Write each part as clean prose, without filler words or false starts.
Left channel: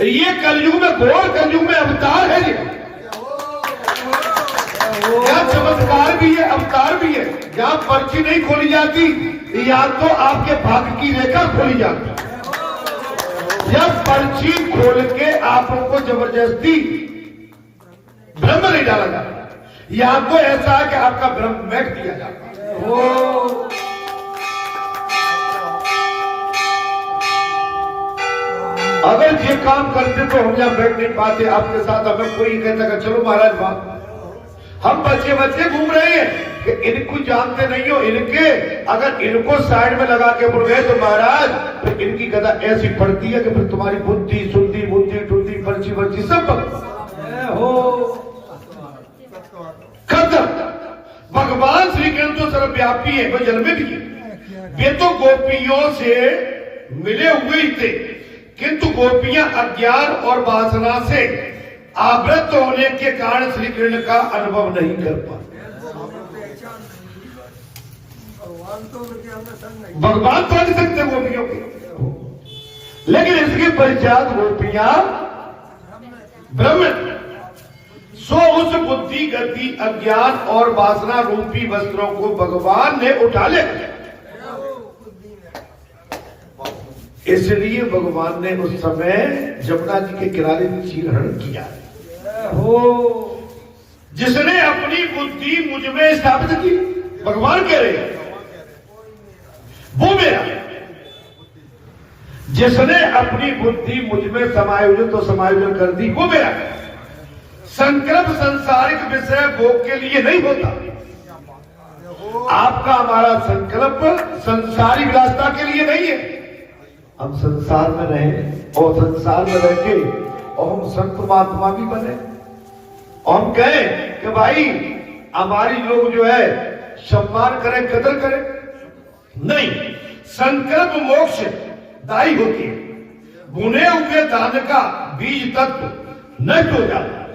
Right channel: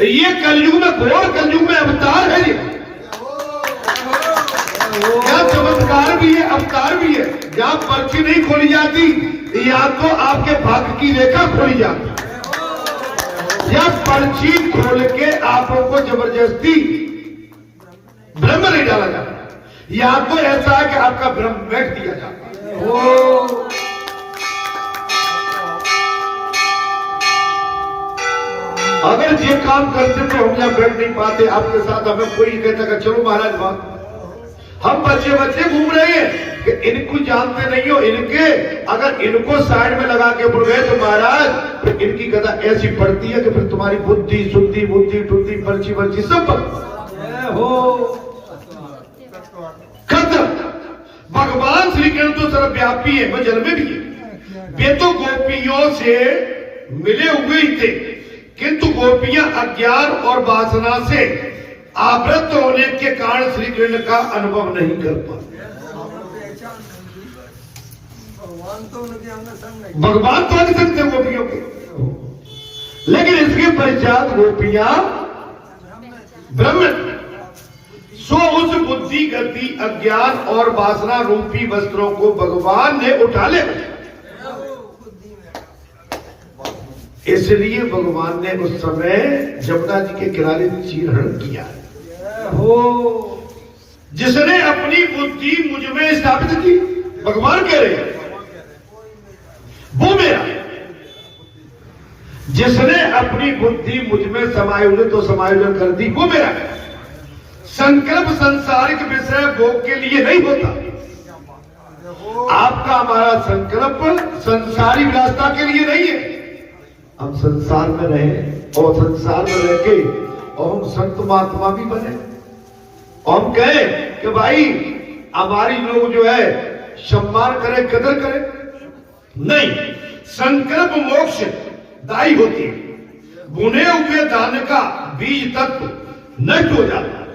ये कलयुग में, घोर कलयुग में अवतार है। ये क्या चमत्कार भी है, अवतार भी है। जहां पर्ची नहीं खोली जाती, या तो आपके भाग्य की रेखा खोली जाती, या पर्ची खोल के आप लोग को जबरदस्ती भ्रम नहीं डाला जाता, या तो ऐसा है कि आपका भ्रम बैठ दिया जाता। वो अगर ये काम करते तो हम यहाँ बैठ नहीं पाते आपके साथ। हमें कोई कहता कि चलो महाराज बात, हम बच्चे बच्चे घूम रहे हैं कि इनको जानते नहीं हो, इनके अगर इनको साइड में लगा के बोल गए तो महाराज फिर इनकी कथा ऐसी पड़ती है कि फिर तुम्हारी बुद्धि शुद्धि बुद्धि टुद्धि पर्ची पर्ची सब हो खत्म। भगवान श्री कृष्ण तो सर्वव्यापी है, वो जल में भी है। वे तो गोपियों से मिले हुए ही थे, किंतु गोपियां अज्ञान और वासना से आवृत होने के कारण श्री कृष्ण का अनुभव नहीं कर पाते। भगवान तो नहीं सकते गोपियों के, लेकिन इसके पश्चात गोपियां ब्रह्म सो उस बुद्धि गति अज्ञान और वासना रूपी वस्त्रों को भगवान ने उठा ले। इसलिए भगवान ने उस समय जमुना जी के किनारे चीरहरण किया हो। जिसने अपनी बुद्धि मुझ में स्थापित की, भगवान कह रहे हैं वो मेरा। जिसने अपनी बुद्धि मुझ में समायोजन तो समायोजन कर दी, वो मेरा। संकल्प संसारिक विषय भोग के लिए नहीं होता। आपका हमारा संकल्प संसारी विलासता के लिए नहीं है। हम संसार में रहें और संसार में रह के और हम संत महात्मा भी बने और हम कहें कि भाई हमारी लोग जो है सम्मान करें, कदर करें। नहीं, संकल्प मोक्ष दायी होती है। बुने हुए दान का बीज तत्व नष्ट हो जाता है।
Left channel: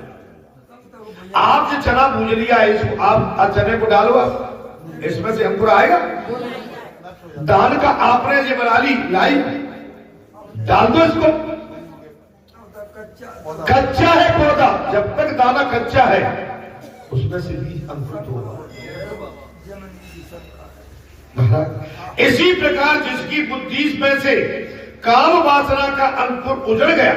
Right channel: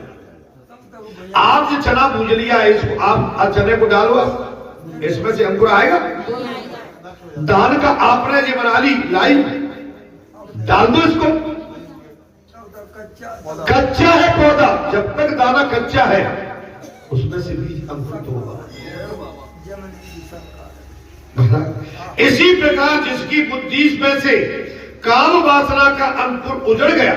आपने चना भूज लिया है, इसको आप चने को डालो, इसमें से अंकुर आएगा। दान का आपने ये बना ली लाई, डाल दो इसको। कच्चा है पौधा, जब तक दाना कच्चा है उसमें से बीज अंकुरित होगा। इसी प्रकार जिसकी बुद्धि में से काम वासना का अंकुर उजड़ गया,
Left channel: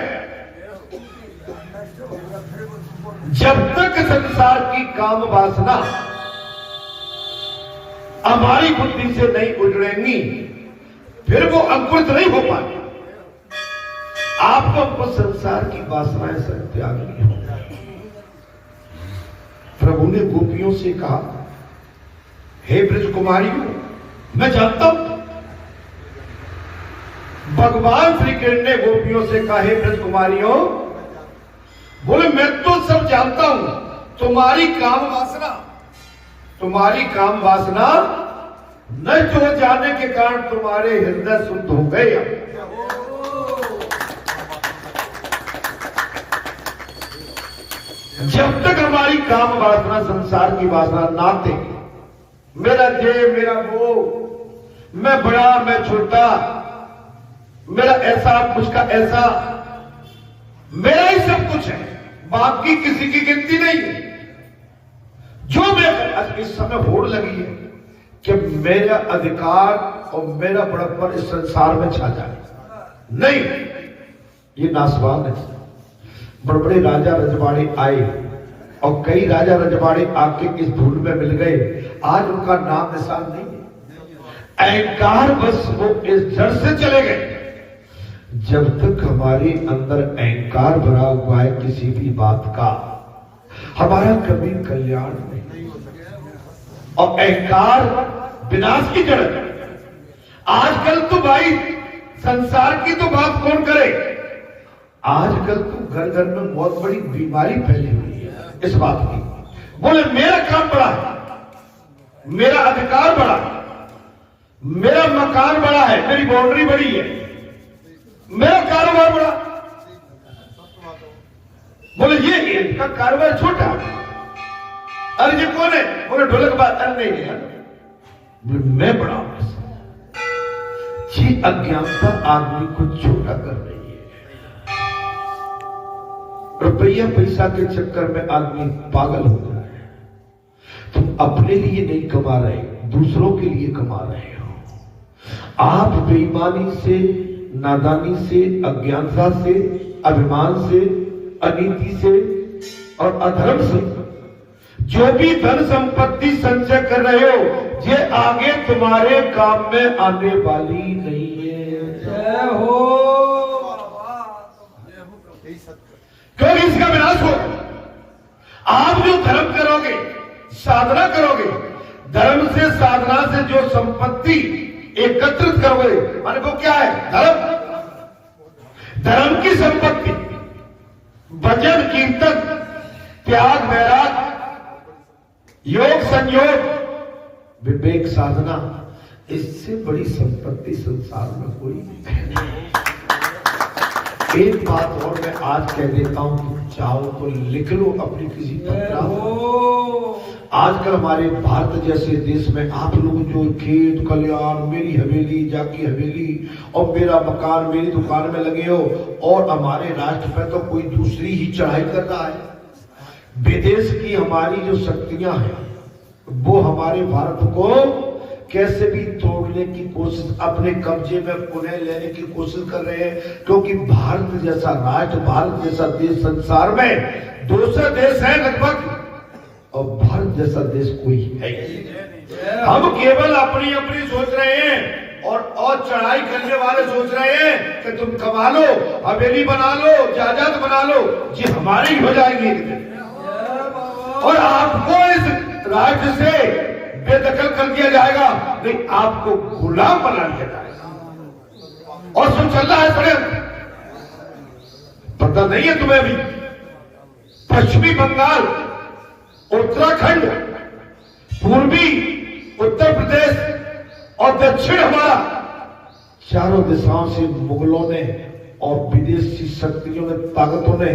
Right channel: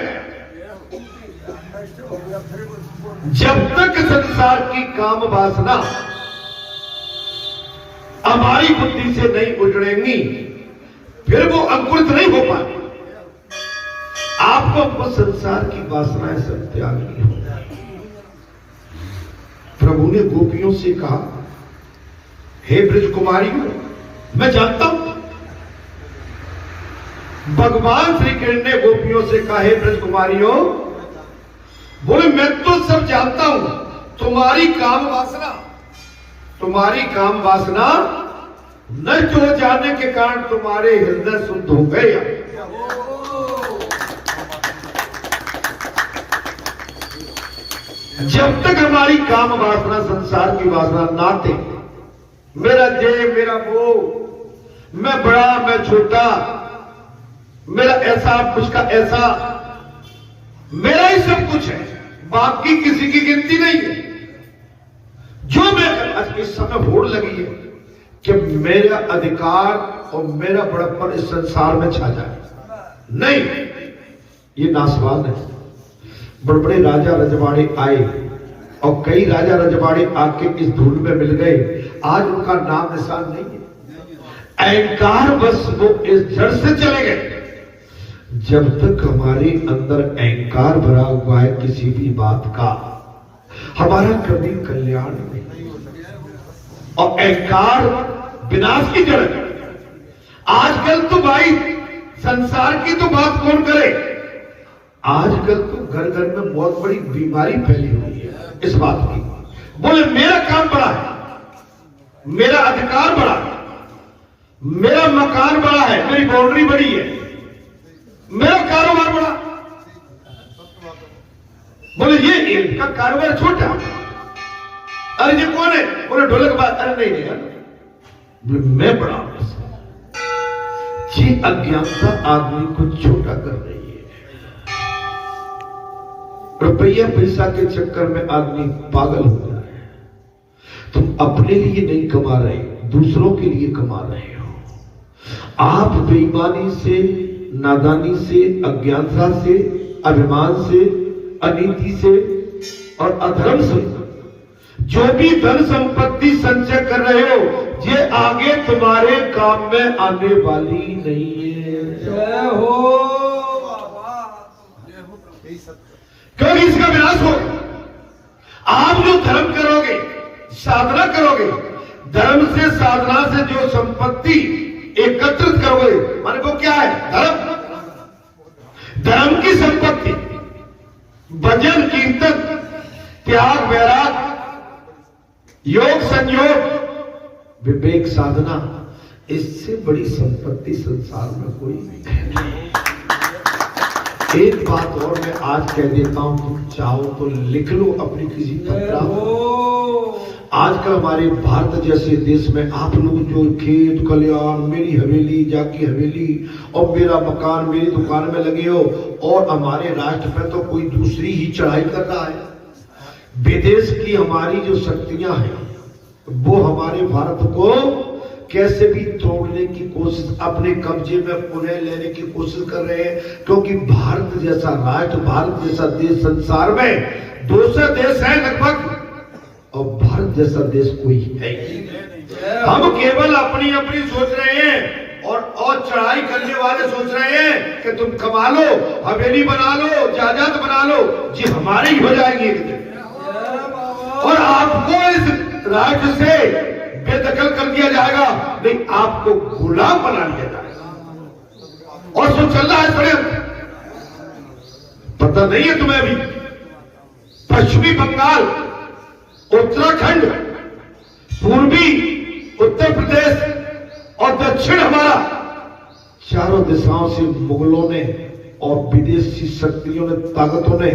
जब तक संसार की काम वासना हमारी बुद्धि से नहीं उजड़ेंगी, फिर वो अंकुरित नहीं हो पाए। आपको अपने संसार की वासनाएं सब त्यागनी हो। प्रभु ने गोपियों से कहा, हे ब्रज कुमारियों, मैं जानता हूं। भगवान श्री कृष्ण ने गोपियों से कहा, हे ब्रज कुमारियों, बोले मैं तो सब जानता हूं। तुम्हारी काम वासना नष्ट हो जाने के कारण तुम्हारे हृदय शुद्ध हो गए। जब तक हमारी काम वासना संसार की वासना ना थे, मेरा ये मेरा वो, मैं बड़ा मैं छोटा, मेरा ऐसा उसका ऐसा, मेरा ही सब कुछ है, बाकी किसी की गिनती नहीं है। जो मैं इस समय होड़ लगी है कि मेरा अधिकार और मेरा बड़प्पन इस संसार में छा जाए। नहीं, ये नासवान है। बड़े बड़े राजा रजवाड़े आए और कई राजा रजवाड़े आके इस धूल में मिल गए, आज उनका नाम निशान नहीं है। अहंकार बस वो इस जड़ से चले गए। जब तक हमारे अंदर अहंकार भरा हुआ है किसी भी बात का, हमारा कभी कल्याण नहीं। और अहंकार विनाश की जड़ है। आजकल तो भाई संसार की तो बात कौन करे, आजकल तो घर घर में बहुत बड़ी बीमारी फैली हुई है इस बात की। बोले मेरा काम बड़ा है, मेरा अधिकार बड़ा है, मेरा मकान बड़ा है, मेरी बाउंड्री बड़ी है, मेरा कारोबार बड़ा। बोले ये इनका कारोबार छोटा। अरे ये कौन है? बोले ढोलक बात। अरे नहीं यार, मैं बड़ा हूं। ये अज्ञानता आदमी को छोटा कर रही है। रुपया पैसा के चक्कर में आदमी पागल हो रहा है। तुम अपने लिए नहीं कमा रहे, दूसरों के लिए कमा रहे हो। आप बेईमानी से, नादानी से, अज्ञानता से, अभिमान से, अनीति से और अधर्म से जो भी धन संपत्ति संचय कर रहे हो, ये आगे तुम्हारे काम में आने वाली नहीं है। जय हो। क्योंकि इसका विनाश हो। आप जो धर्म करोगे, साधना करोगे, धर्म से, साधना से जो संपत्ति एकत्रित करोगे, माने वो क्या है? धर्म। धर्म की संपत्ति, भजन, कीर्तन, त्याग, वैराग, योग, संयोग, विवेक, साधना, इससे बड़ी संपत्ति संसार में कोई नहीं है। एक बात और मैं आज कह देता हूं, तुम चाहो तो लिख लो अपनी किसी पत्र। आजकल हमारे भारत जैसे देश में आप लोग जो खेत खलियान, मेरी हवेली, जाकी हवेली और मेरा मकान, मेरी दुकान में लगे हो, और हमारे राष्ट्र पे तो कोई दूसरी ही चढ़ाई कर रहा है। विदेश की हमारी जो शक्तियां हैं वो हमारे भारत को कैसे भी तोड़ने की कोशिश, अपने कब्जे में पुनः लेने की कोशिश कर रहे हैं। क्योंकि भारत जैसा राष्ट्र, भारत जैसा देश संसार में दूसरे देश है लगभग, और भारत जैसा देश कोई है। हम केवल अपनी अपनी सोच रहे हैं, और चढ़ाई करने वाले सोच रहे हैं कि तुम कमा लो, हवेली बना लो, जायदाद बना लो, ये हमारी हो जाएगी एक दिन। और आपको इस राज्य से बेदखल कर दिया जाएगा, नहीं, आपको गुलाम बना दिया जाएगा। और जो चल रहा है षड्यंत्र, पता नहीं है तुम्हें? अभी पश्चिमी बंगाल, उत्तराखंड, पूर्वी उत्तर प्रदेश और दक्षिण हमारा, चारों दिशाओं से मुगलों ने और विदेशी शक्तियों ने, ताकतों ने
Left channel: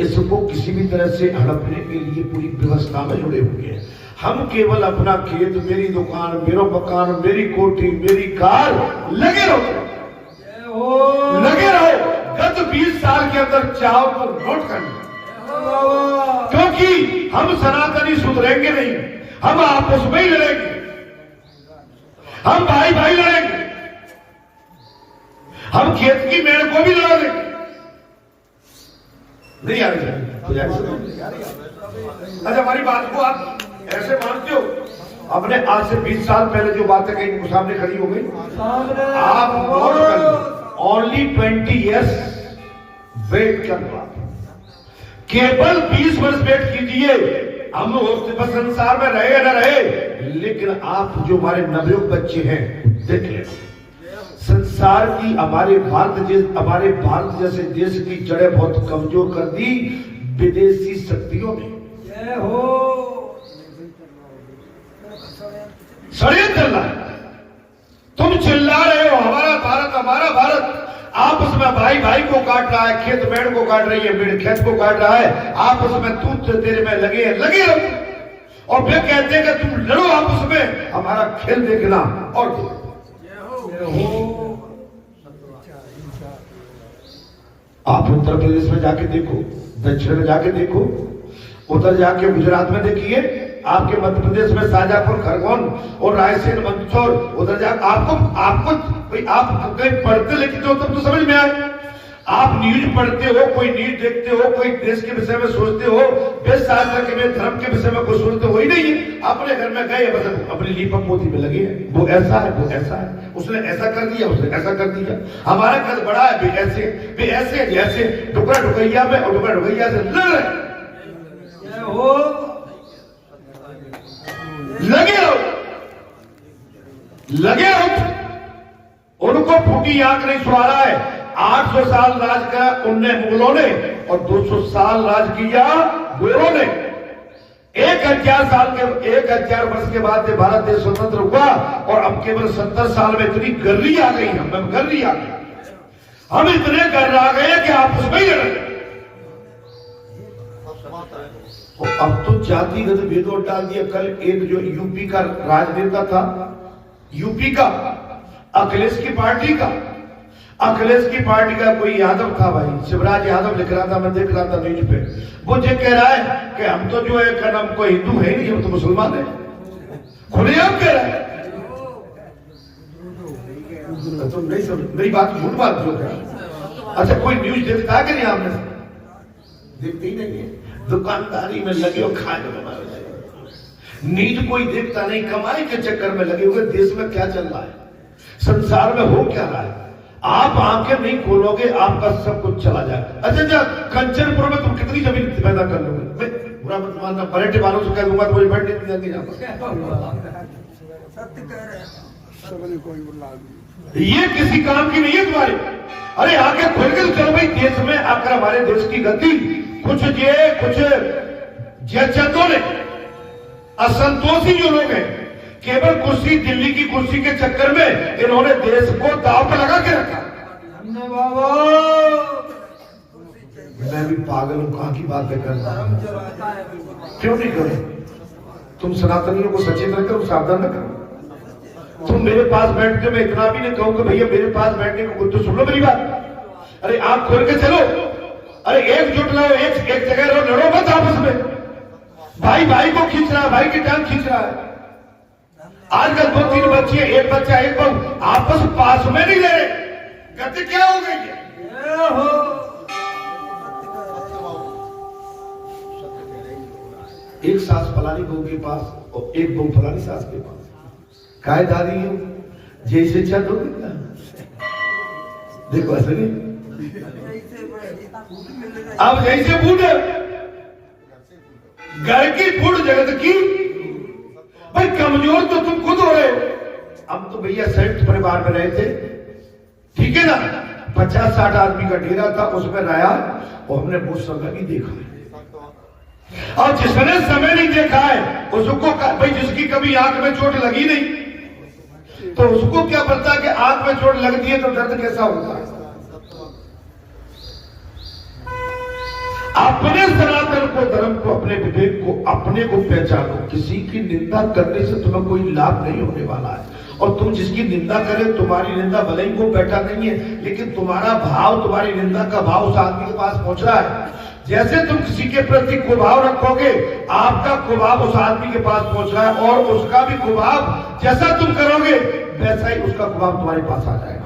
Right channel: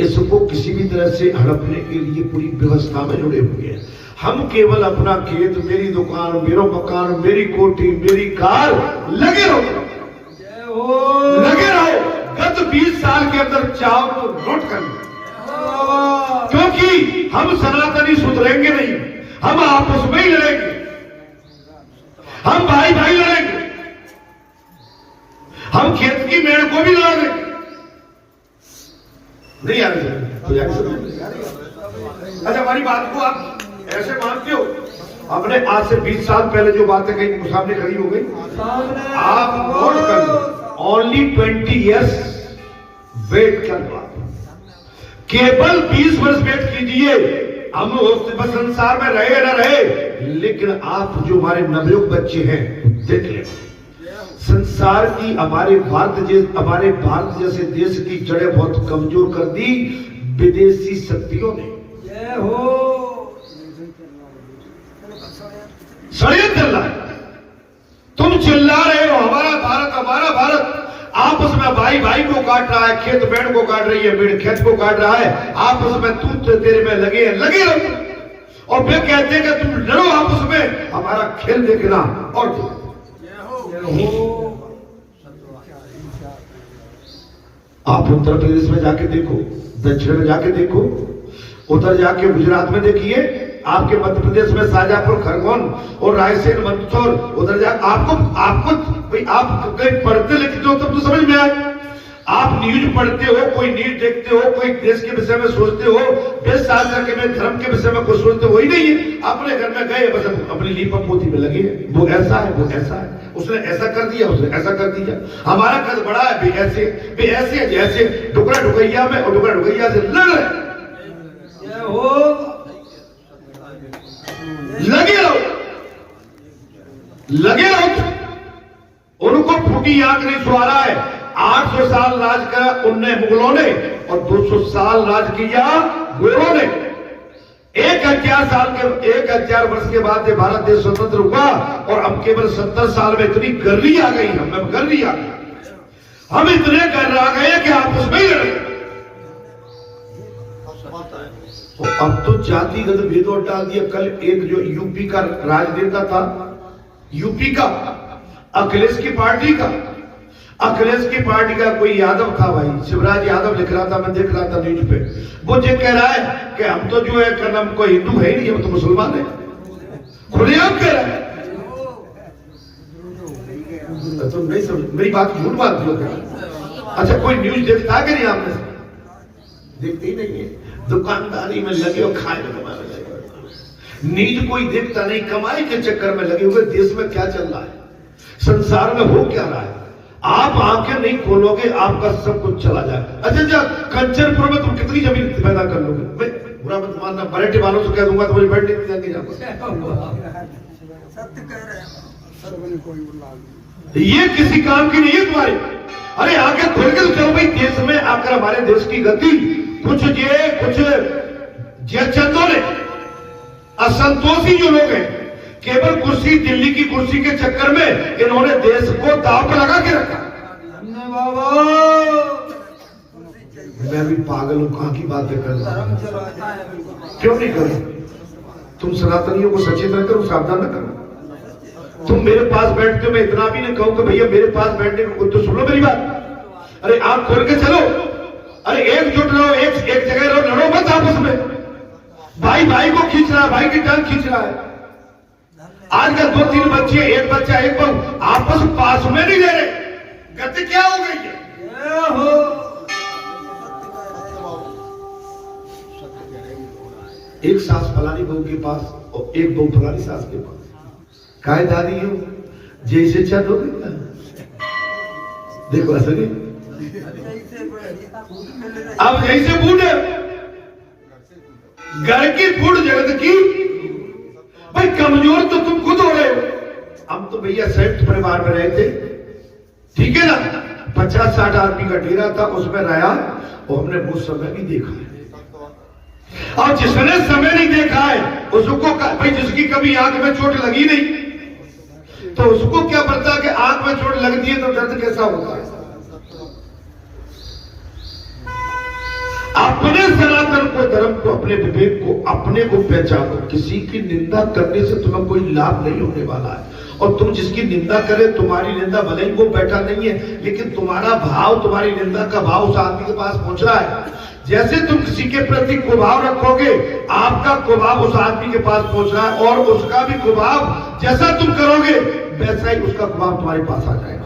इसको किसी भी तरह से हड़पने के लिए पूरी व्यवस्था में जुड़े हुए हैं। हम केवल अपना खेत, मेरी दुकान, मेरा मकान, मेरी कोठी, मेरी कार, लगे रहो, लगे रहो। गत 20 साल के अंदर चाहो तो नोट कर लो, क्योंकि हम सनातनी सुधरेंगे नहीं। हम आपस में ही लड़ेंगे, हम भाई भाई लड़ेंगे, हम खेत की मेड़ को भी लड़ा देंगे। नहीं आ रही? अच्छा, हमारी बात को आप ऐसे मानते हो? आपने आज से 20 साल पहले जो बातें कही सामने खड़ी हो गई। आप नोट कर लो, ओनली 20 years वेट करना, केवल 20 वर्ष वेट कीजिए। हम संसार में रहे न रहे, लेकिन आप जो हमारे नवयुवक बच्चे हैं देख ले, संसार की हमारे भारत जैसे देश की जड़ें बहुत कमजोर कर दी विदेशी शक्तियों ने। षड्यंत्र चल रहा है। तुम चिल्ला रहे हो हमारा भारत, हमारा भारत। आपस में भाई भाई को काट रहा है, खेत पेड़ को काट रही है, पेड़ खेत को काट रहा है। आपस में तू तेरे में लगे रहो, और फिर कहते हैं कि तुम लड़ो आपस में, हमारा खेल देखना। और आप उत्तर प्रदेश में जाके देखो, दक्षिण में जाके देखो, उधर जाके गुजरात में देखिए, आपके मध्य प्रदेश में शाजापुर, खरगोन और रायसेन, मंदसौर, उधर जाकर आप कहीं पढ़ते लिखते हो तब तो समझ में आए। आप न्यूज पढ़ते हो, कोई न्यूज देखते हो, कोई देश के विषय में सोचते हो, वेद शास्त्र के में, धर्म के विषय में कुछ सोचते हो ही नहीं है। अपने घर में गए, बस अपनी लीपा पोती में लगे हैं, वो ऐसा है, वो ऐसा है, उसने ऐसा कर दिया, उसने ऐसा कर दिया, हमारा कद बड़ा है, भी ऐसे जैसे टुकड़ा ढुकैया में, और टुकड़ा ढुकैया से लगे रहो। उनको फूटी आंख नहीं सुहारा है। 800 साल राज करा उनने, मुगलों ने, और 200 साल राज किया गोरों ने। 1000 वर्ष के बाद ये भारत देश स्वतंत्र हुआ, और हम केवल 70 साल में इतनी गर्री आ गई, हम इतने गर्र आ गए कि आप उसमें ही लड़े। अब तो जातिगत भेदभाव डाल दिया। कल एक जो यूपी का राजनेता था, यूपी का, अखिलेश की पार्टी का, अखिलेश की पार्टी का कोई यादव था भाई, शिवराज यादव लिख रहा था, मैं देख रहा था न्यूज पे, वो ये कह रहा है कि हम तो जो है क्या नाम कोई हिंदू है नहीं, हम तो मुसलमान है, खुलेआम कह रहा है। तो नहीं समझ, मेरी बात झूठ बात जो क्या। अच्छा कोई न्यूज देखता है कि नहीं आपने? देखते ही नहीं है, दुकानदारी में लगे और खाए में लगे, नींद कोई देखता नहीं, कमाई के चक्कर में लगे हुए। देश में क्या चल रहा है, संसार में हो क्या रहा है, आप आंखें नहीं खोलोगे आपका सब कुछ चला जाए। अच्छा कंचनपुर में तुम कितनी जमीन पैदा कर लोगे? मैं बुरा मत मानना, बरेटे वालों से कह दूंगा तुम्हारी बैठने की जल्दी ये किसी काम की नहीं है तुम्हारी। अरे आगे खुल के तो चलो भाई। देश में आकर हमारे देश की गति कुछ चंदों ने, असंतोषी जो लोग हैं, केवल कुर्सी, दिल्ली की कुर्सी के चक्कर में इन्होंने देश को दांव पे लगा के रखा। मैं भी पागल हूं, कहां की बातें कर रहा हूं, क्यों नहीं करो? तुम सनातनियों को सचेत रख करो, सावधान न करो। तुम मेरे पास बैठते, मैं इतना भी नहीं कहूं कि भैया मेरे पास बैठने को, तो सुन लो मेरी बात। अरे आंख खोल के चलो, अरे एकजुट रहो, एक जगह रहो, लड़ो मत आपस में। भाई भाई को खींच रहा है, भाई की टांग खींच रहा है। आजकल 2-3 बच्चे, एक बच्चा एक बहू आपस पास में नहीं रह रहे, गति क्या हो गई है? एक सास फलानी बहू के पास और एक बहू फलानी सास के पास, काय दादी हो जैसे चल हो गई। देखो असली अब जैसे बूढ़ घर की बूढ़ जगत की। भाई कमजोर तो तुम खुद हो रहे हो। हम तो भैया संयुक्त परिवार में रहे थे, ठीक है ना, 50-60 आदमी का डेरा था, उसमें रहा और हमने वो समय भी देखा है। और जिसने समय नहीं देखा है उसको भाई, जिसकी कभी आंख में चोट लगी नहीं तो उसको क्या पता कि आंख में चोट लगती है तो दर्द कैसा होता है। अपने सनातन को, धर्म को, अपने विवेक को, अपने को पहचानो। किसी की निंदा करने से तुम्हें कोई लाभ नहीं होने वाला है। और तुम जिसकी निंदा करे, तुम्हारी निंदा भले ही वो बैठा नहीं है, लेकिन तुम्हारा भाव, तुम्हारी निंदा का भाव उस आदमी के पास पहुंच रहा है। जैसे तुम किसी के प्रति कुभाव रखोगे, आपका कुभाव उस आदमी के पास पहुंच रहा है, और उसका भी कुभाव जैसा तुम करोगे वैसा ही उसका कुभाव तुम्हारे पास आ जाएगा।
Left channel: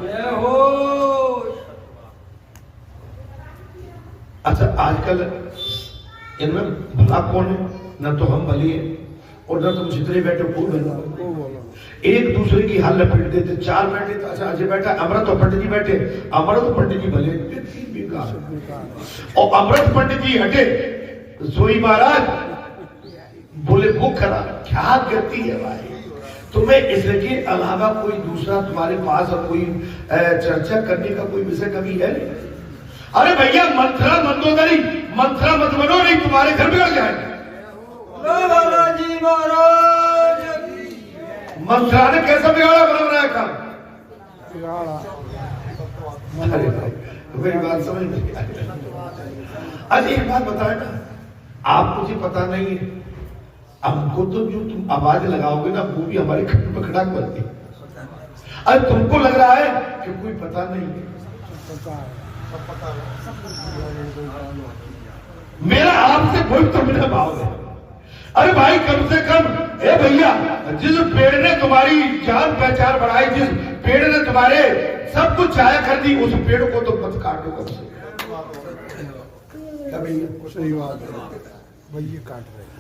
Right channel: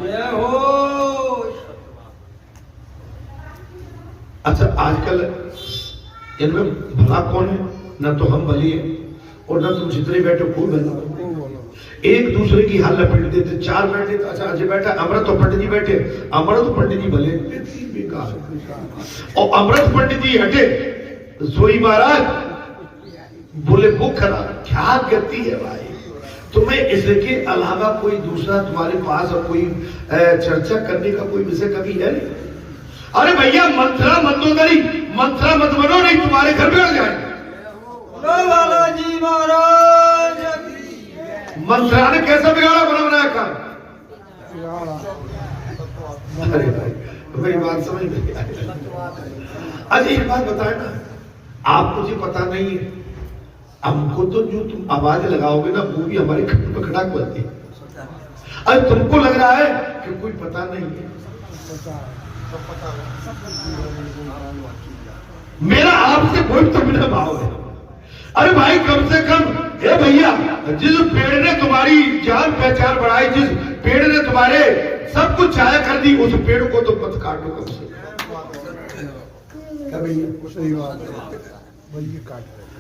अच्छा आजकल इनमें भला कौन है? न तो हम भली है और न तुम जितने बैठे खूब है। एक दूसरे की हाल लपेट देते, 4 बैठे, अच्छा अजय बैठा, अमृत और पंडित जी बैठे। अमृत और पंडित जी भले, और अमृत पंडित जी हटे, सोई महाराज बोले वो खरा। क्या गति है भाई? तुम्हें इसके अलावा कोई दूसरा तुम्हारे पास कोई चर्चा करने का कोई विषय कभी है? अरे भैया मंत्रा मंदोदरी, मंत्रा मत बनो, नहीं तुम्हारे घर बिगड़ जाएंगे। मंत्रा ने कैसा बिगाड़ा बना बनाया काम? अरे भाई मेरी बात समझ नहीं आई। अच्छा एक बात बताए ना, आप मुझे पता नहीं है, हमको तो जो तुम आवाज लगाओगे ना वो भी हमारे खट पे खटाक बोलती है। अरे तुमको लग रहा है कि कोई पता नहीं है। मेरा आपसे कोई तो मेरा भाव है। अरे भाई कम से कम, ए भैया, जिस पेड़ ने तुम्हारी जान पहचान बढ़ाई, जिस पेड़ ने तुम्हारे सब कुछ छाया कर दी, उस पेड़ को तो मत काटो कम से।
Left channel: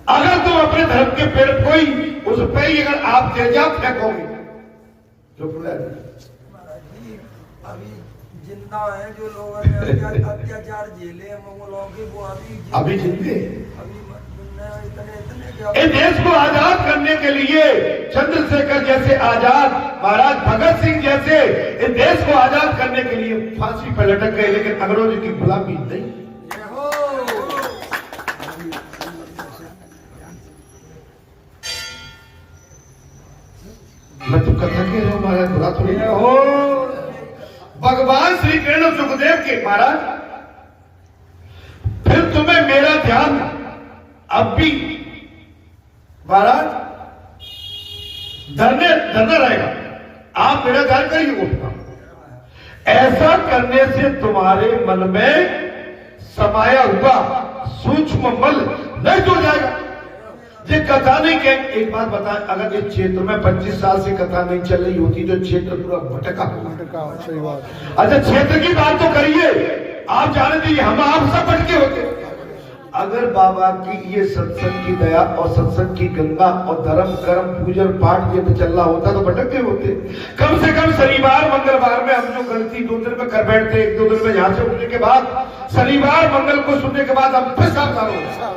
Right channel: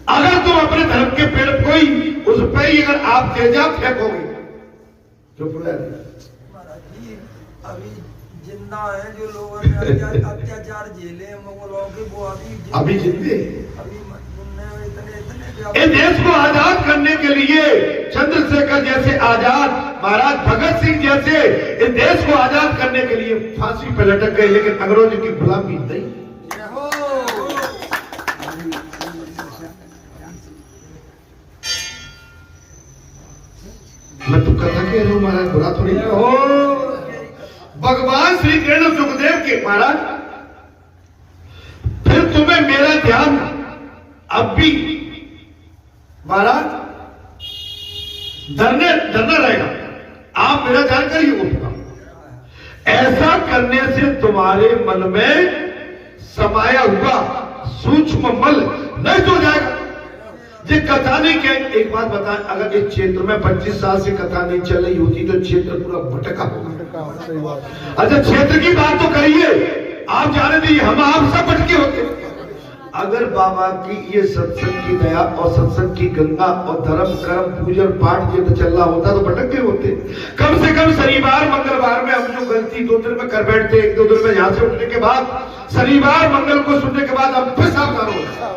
अगर तुम अपने धर्म के पेड़ कोई उस पे ही अगर आप तेजाब फेंकोगे तो अभी जिंदा है जो लोग अत्याचार झेले हैं, वो लोग वो अभी जिंदे। इतने इस देश को आजाद करने के लिए चंद्रशेखर जैसे आजाद, महाराज भगत सिंह जैसे इस देश को आजाद करने के लिए फांसी पर लटक गए, लेकिन अंग्रेजों की गुलामी नहीं। मैं तो करना कह रहा हूं महाराज, बुरा तो नहीं हो। भगवान श्री कृष्ण सुखदेव के महाराज, फिर तुम्हें मेरा ध्यान अब भी महाराज धरना रहेगा। आप मेरा ध्यान करिए, उठना ऐसा करने से तुम्हारे मन में समाया हुआ सूक्ष्म मल नष्ट हो जाएगा। ये कथा नहीं कह, एक बात बताएं, अगर इस क्षेत्र में 25 साल से कथा नहीं चल रही होती तो क्षेत्र पूरा भटका होगा। अच्छा क्षेत्र की बात तो करिए, आप जाने दीजिए, हम आप सब भटके होते। अगर बाबा की ये सत्संग की दया और सत्संग की गंगा और धर्म कर्म पूजन पाठ ये तो चल रहा होता तो भटके होते। कम से कम शनिवार मंगलवार में हम जो गलती 2 दिन में कर बैठते, 1-2 दिन में यहां से उठने के बाद, शनिवार मंगल को सुनने के बाद हम फिर सावधान हो